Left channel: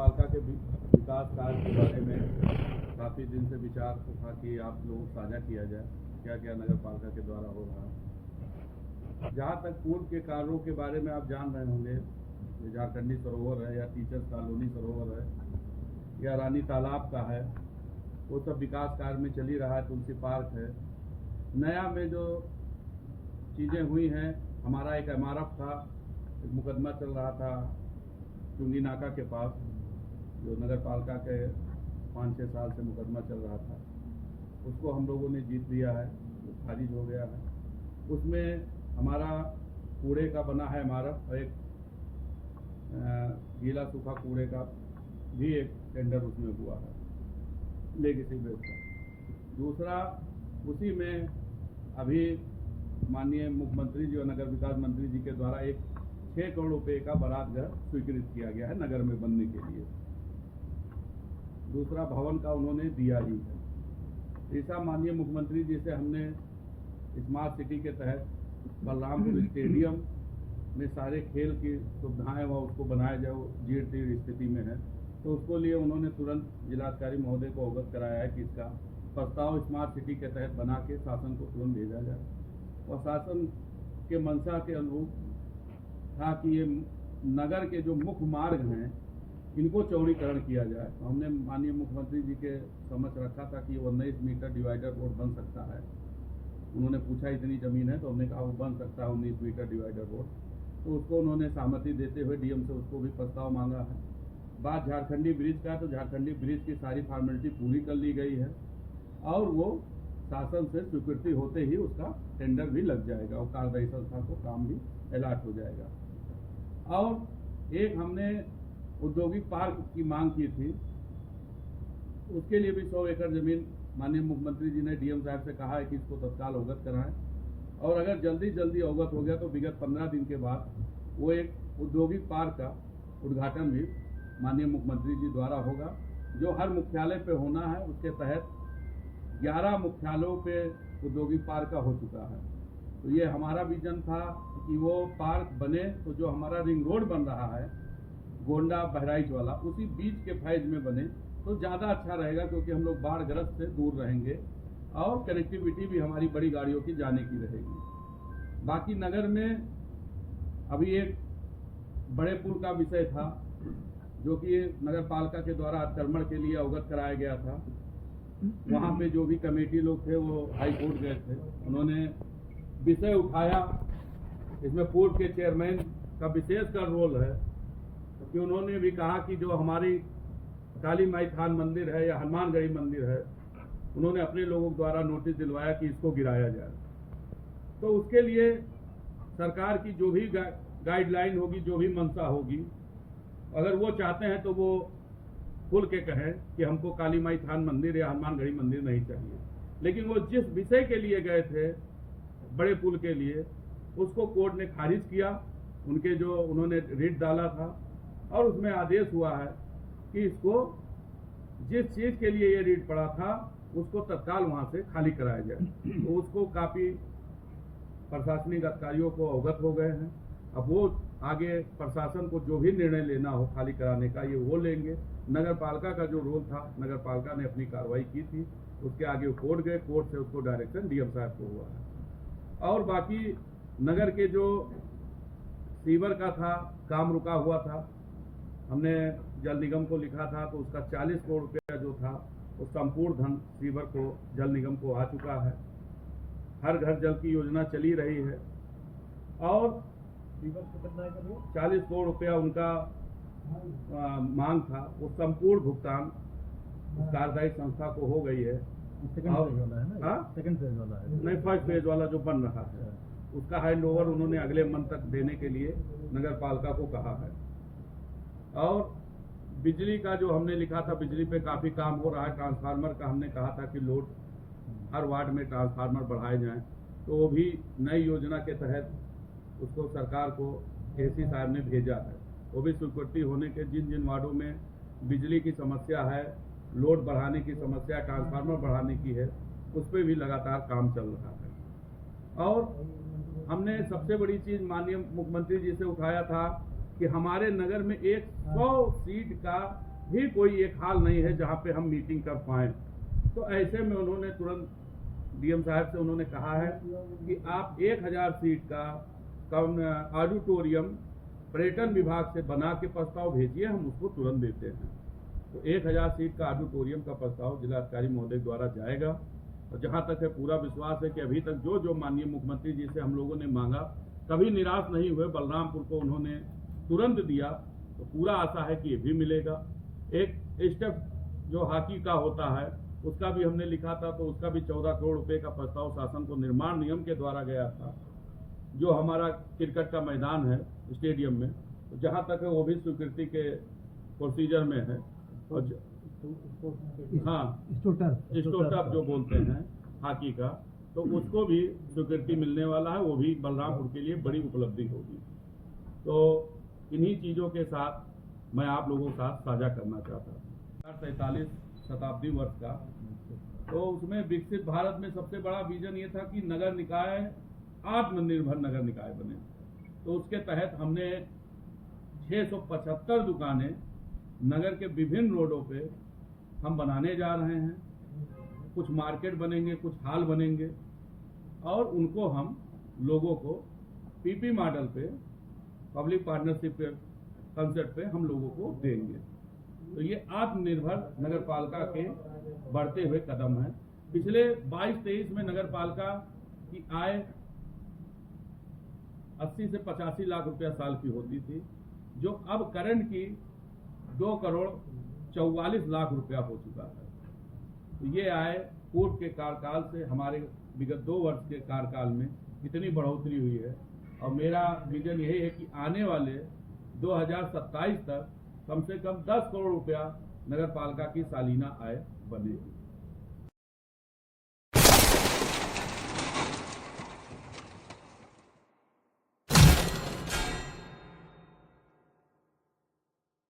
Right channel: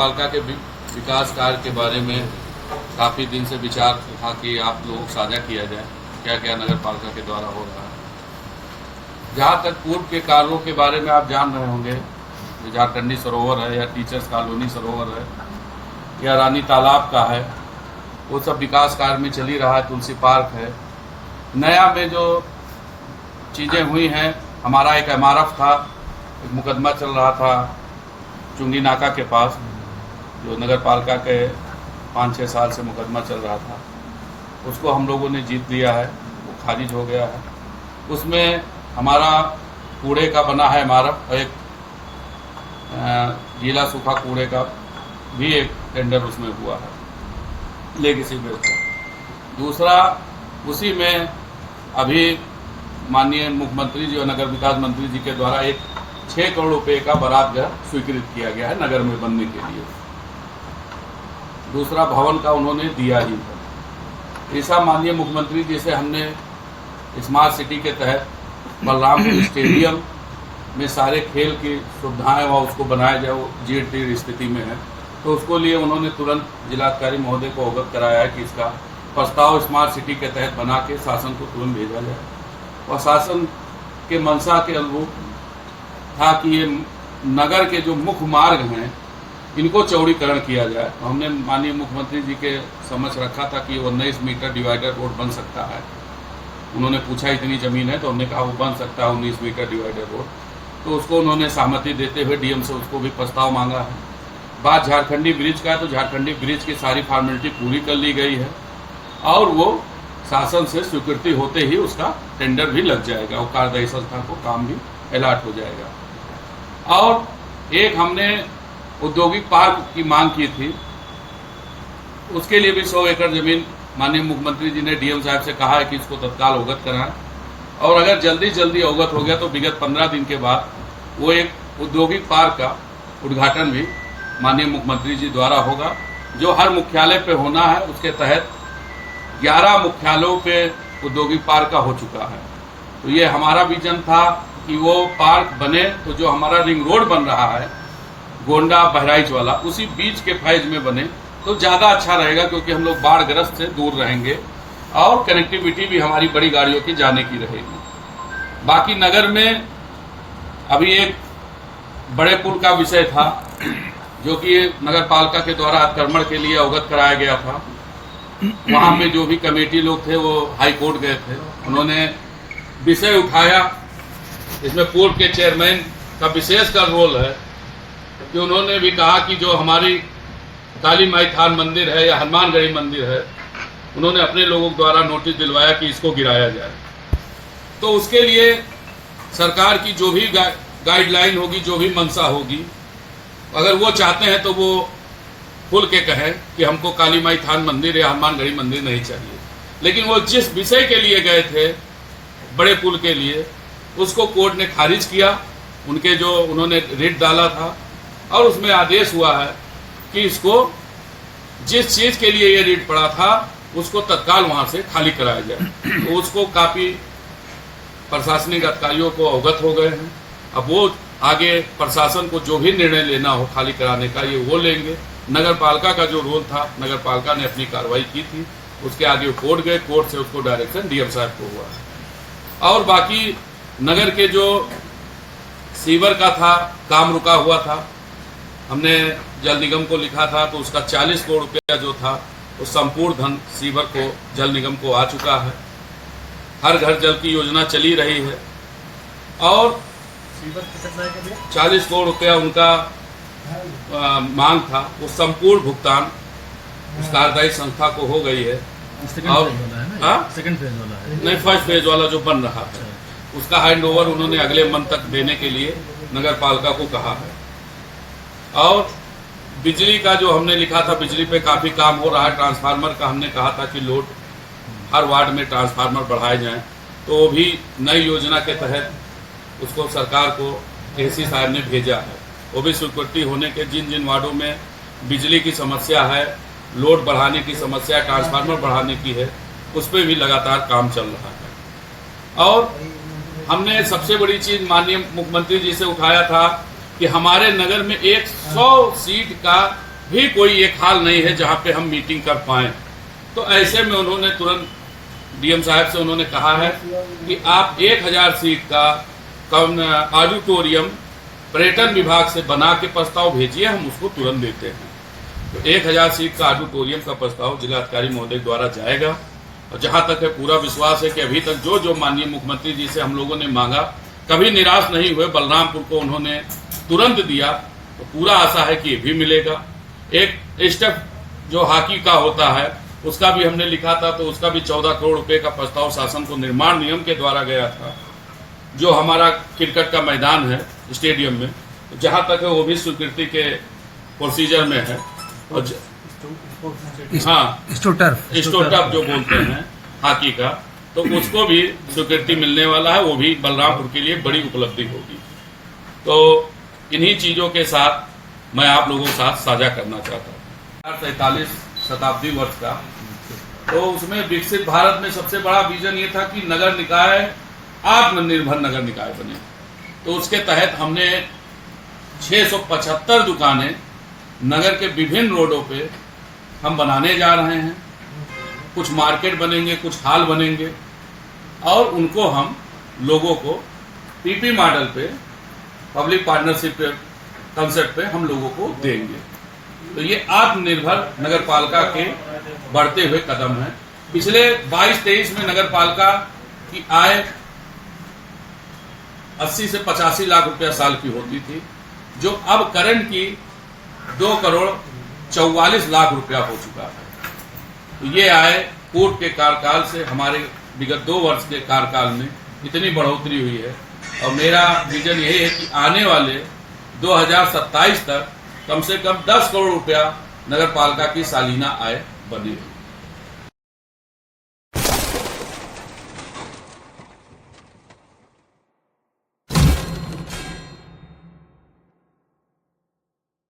पालिका के विकास कार्य के बारे में काफ़ी दिन से विचार था कि आप लोगों को साझा किया जाए क्या क्या नगर पालिका के द्वारा हो रहा है। जहाँ तक पूर्व के कार्यों के बारे में आप जान रहे होंगे, झारखंडी सरोवर है या टीचर्स कॉलोनी सरोवर है या रानी तालाब का है, वो सब विकास कार्य में चल ही रहा है। तुलसी पार्क है। नया में जो चीज़ें हुई हैं, हमारा एक MRF था, एक मुकदमा चल रहा था चुंगी नाका के पास, जो नगर पालिका के 5-6 साल से मुकदमा चल रहा था, उसको हम लोगों ने जीत लिया है, वो खारिज हो गया है। उसमें हमारा कूड़े का बना है MRF, एक गीला सूखा कूड़े का भी एक टेंडर उसमें हुआ है लेगेसी बेस पर। दूसरा, उसी में अभी माननीय मुख्यमंत्री जी और नगर विकास मंत्री जी के द्वारा एक 6 करोड़ रुपए का बरात घर स्वीकृत किया गया है नगर में बनने के लिए। दूसरा भवन का उन्होंने दिया ही था। ऐसा माननीय मुख्यमंत्री जी से हमने स्मार्ट सिटी के तहत बलरामपुर स्टेडियम में सारे खेल की सुविधाएं वहाँ उसको बनाया जाए, वो जीर्ण स्थिति में है, तो उसको लिए उन्होंने तुरंत जिलाधिकारी महोदय को अवगत कराया है कि इसका प्रस्ताव स्मार्ट सिटी के तहत बना के शासन को तुरंत भेजा जाए। और शासन के मंशा के अनुरूप था कि ये नगर के जो मुख्य मार्ग हैं इनको चौड़ीकरण किया जाए। तो हमने माननीय मुख्यमंत्री जी के समक्ष रखा था कि 19 मीटर डिवाइडर रोड बन सकता है। उन्होंने पूछा इतनी ज़मीन है, तो हमने कहा वो बन सकता है 19 मीटर डिवाइडर रोड। तो उसको उन्होंने सहमति देते हुए DM से उसको भी प्रस्ताव मांगा है। बात झारखंडी ब्रिज का है, तो झारखंडी ब्रिज की सारी फॉर्मेलिटी पूरी कर ली गई है और वो शासन से स्वीकृति होते ही उसका टेंडर भी लग जाएगा और कार्यदायी संस्था को काम भी अलॉट हो जाएगा। और एक हमने औद्योगिक पार्क की मांग की थी, उसके लिए भी 100 एकड़ जमीन माननीय मुख्यमंत्री जी ने DM साहब से कहा है कि इसको तत्काल अवगत कराएं। और अगर जल्दी अवगत हो गया तो विगत 15 दिन के बाद वो एक औद्योगिक पार्क का उद्घाटन भी माननीय मुख्यमंत्री जी द्वारा होगा, जो हर मुख्यालय पे होना है। उसके तहत 11 मुख्यालयों पे औद्योगिक पार्क का हो चुका है। तो ये हमारा विजन था कि वो पार्क बने तो जो हमारा रिंग रोड बन रहा है गोंडा बहराइच वाला, उसी बीच के फेज में बने तो ज़्यादा अच्छा रहेगा, क्योंकि हम लोग बाढ़ ग्रस्त से दूर रहेंगे और कनेक्टिविटी भी हमारी बड़ी गाड़ियों की जाने की रहेगी। बाकी नगर में अभी एक बड़े पुल का विषय था, जो कि नगर पालिका के द्वारा अतिक्रमण के लिए अवगत कराया गया था। वहाँ पे जो भी कमेटी लोग थे वो हाई कोर्ट गए थे, उन्होंने विषय उठाया। इसमें पूर्व के चेयरमैन का विशेष का रोल है कि उन्होंने भी कहा कि जो हमारी काली माई थान मंदिर है या हनुमानगढ़ी मंदिर है, उन्होंने अपने लोगों द्वारा नोटिस दिलवाया कि इसको गिराया जाए। तो उसके लिए सरकार की जो भी गाइडलाइन होगी, जो भी मंशा होगी, अगर वो चाहते हैं तो वो खुल के कहें कि हमको काली माई थान मंदिर या हनुमानगढ़ी मंदिर नहीं चाहिए। लेकिन वो जिस विषय के लिए गए थे, बड़े पुल के लिए, उसको कोर्ट ने खारिज किया। उनके जो उन्होंने रिट डाला था और उसमें आदेश हुआ है कि इसको जिस चीज़ के लिए ये रिट पड़ा था उसको तत्काल वहाँ से खाली कराया जाए। तो उसको काफ़ी प्रशासनिक अधिकारियों को अवगत हो गए हैं। अब वो आगे प्रशासन को जो भी निर्णय लेना हो खाली कराने का, ये वो लेंगे। नगर पालिका का जो रोल था, नगर पालिका ने अपनी कार्रवाई की थी, उसके आगे कोर्ट गए, कोर्ट से उसको डायरेक्शन DM साहब को हुआ है। और बाकी नगर के जो सीवर का था, काम रुका हुआ था, हमने जल निगम को लिखा था, तो उसका 40 करोड़ रुपया जो था वो संपूर्ण धन सीवर को, जल निगम को आ चुका है। हर घर जल की योजना चली रही है और 40 करोड़ रुपया उनका मांग था, वो संपूर्ण भुगतान उस कार्यदायी संस्था को हो गई है। और सेकंड फेज वाला है नहीं, फर्स्ट फेज वाला जो बन रहा है उसका हैंड ओवर उन्होंने अगले मंथ तक देने के लिए नगर पालिका को कहा है। और बिजली का जो हमने लिखा था, बिजली पे काफ़ी काम हो रहा है। ट्रांसफार्मर का हमने कहा था कि लोड हर वार्ड में ट्रांसफार्मर बढ़ाए जाएं, तो वो भी नई योजना के तहत उसको सरकार को AC साहब ने भेजा है। वो भी स्वीकृति होने के जिन जिन वार्डों में बिजली की समस्या है, लोड बढ़ाने की समस्या, ट्रांसफार्मर बढ़ाने की है, उस पर भी लगातार काम चल रहा है। और हमने सबसे बड़ी चीज़ माननीय मुख्यमंत्री जी से उठाया था कि हमारे नगर में एक 100 सीट का भी कोई एक हाल नहीं है जहां पे हम मीटिंग कर पाएं। तो ऐसे में उन्होंने तुरंत डीएम साहब से उन्होंने कहा है कि आप 1000 सीट का ऑडिटोरियम पर्यटन विभाग से बना के प्रस्ताव भेजिए, हम उसको तुरंत देते हैं। तो 1000 सीट का ऑडिटोरियम का प्रस्ताव जिलाधिकारी महोदय द्वारा जाएगा। और जहां तक है पूरा विश्वास है कि अभी तक जो जो माननीय मुख्यमंत्री जी से हम लोगों ने मांगा, कभी निराश नहीं हुए। बलरामपुर को उन्होंने तुरंत दिया, तो पूरा आशा है कि ये भी मिलेगा। एक स्टेप जो हॉकी का होता है उसका भी हमने लिखा था, तो उसका भी 14 करोड़ रुपए का प्रस्ताव शासन को निर्माण नियम के द्वारा गया था। जो हमारा क्रिकेट का मैदान है स्टेडियम में, तो जहां तक है वो भी स्वीकृति के प्रोसीजर में है। और हाँ, स्टोटर्फ जो बोलते हैं हॉकी का, तो उसको भी स्वीकृति मिलने वाला है। वो भी बलरामपुर के लिए बड़ी उपलब्धि होगी। तो इन्हीं चीजों के साथ मैं आप लोगों के साथ साझा करना चाहता हूँ। 47 शताब्दी वर्ष का, तो उसमें विकसित भारत में सबसे बड़ा विजन ये था कि नगर निकाय आत्मनिर्भर नगर निकाय बने। तो उसके तहत हमने 675 दुकानें नगर के विभिन्न रोडों पे हम बनाने जा रहे हैं। कुछ मार्केट बनेंगे, कुछ हाल बनेंगे, और उनको हम लोगों को पीपी मॉडल पे, पब्लिक पार्टनरशिप कंसेप्ट पे हम लोगों को देंगे। तो ये आत्मनिर्भर नगर पालिका के बढ़ते हुए कदम है। पिछले 22-23 में नगर पालिका की आय 80 से 85 लाख रुपया साल की होती थी, जो अब करंट की 2 करोड़ 44 लाख रुपया हो चुका है। तो ये आय कोर्ट के कार्यकाल से हमारे विगत 2 वर्ष के कार्यकाल में इतनी बढ़ोतरी हुई है। और मेरा विजन यही है कि आने वाले 2027 तक कम से कम 10 करोड़ रुपया नगर पालिका की सालाना आय बनी है।